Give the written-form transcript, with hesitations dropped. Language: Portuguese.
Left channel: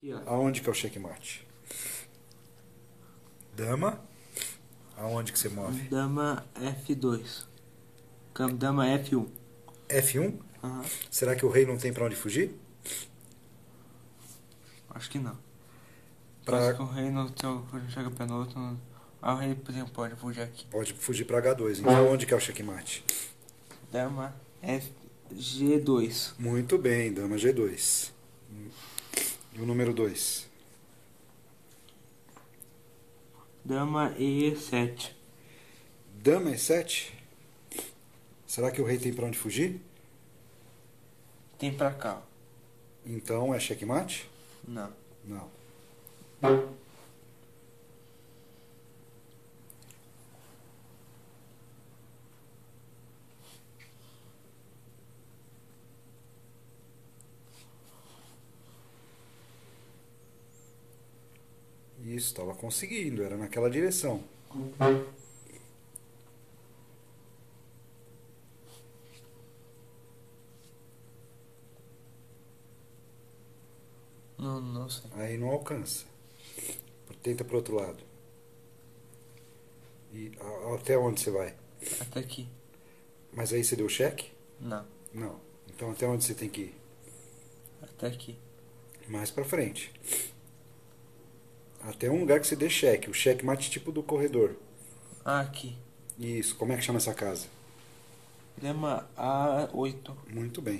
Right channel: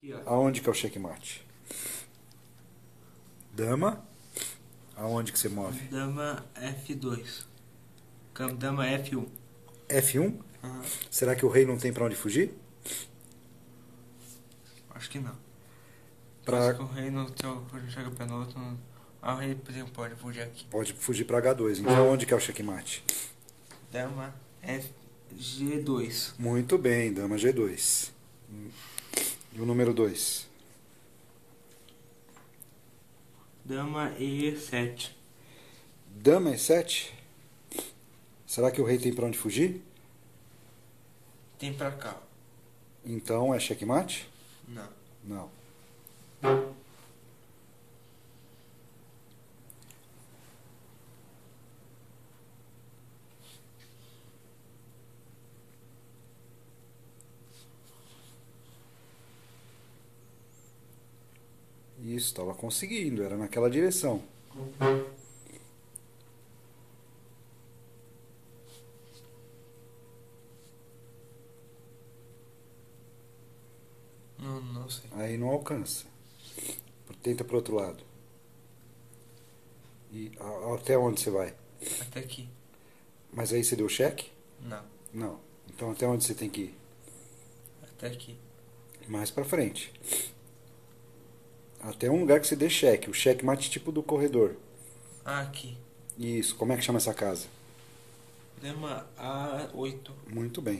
Aqui, ó. Aonde que é o checkmate? Dama. Aonde que você move? Dama F2. Dama F1. F1? Aham. Será que o rei não tem pra onde fugir? Acho que não. Pra... Acho que o rei no seu chega pra no outro. O rei, por exemplo, pode fugir aqui. Pode fugir pra H2. Então onde que é o checkmate? Dama G2. Muito bem, dama G2. E o número 2? Dama E7. Dama E7? Será que o rei tem pra onde fugir? Tem pra cá. Então é checkmate? Não. Não. Isso, estava conseguindo, era naquela direção. Não sei. Aí não alcança. Tenta pro outro lado. E até onde você vai? Até aqui. Mas aí você deu cheque? Não. Não. Então até onde você tem que ir? Até aqui. Mais pra frente. Até um lugar que você dê cheque. O checkmate tipo do corredor. Ah, aqui. Isso. Como é que chama essa casa? Dama A8. Muito bem.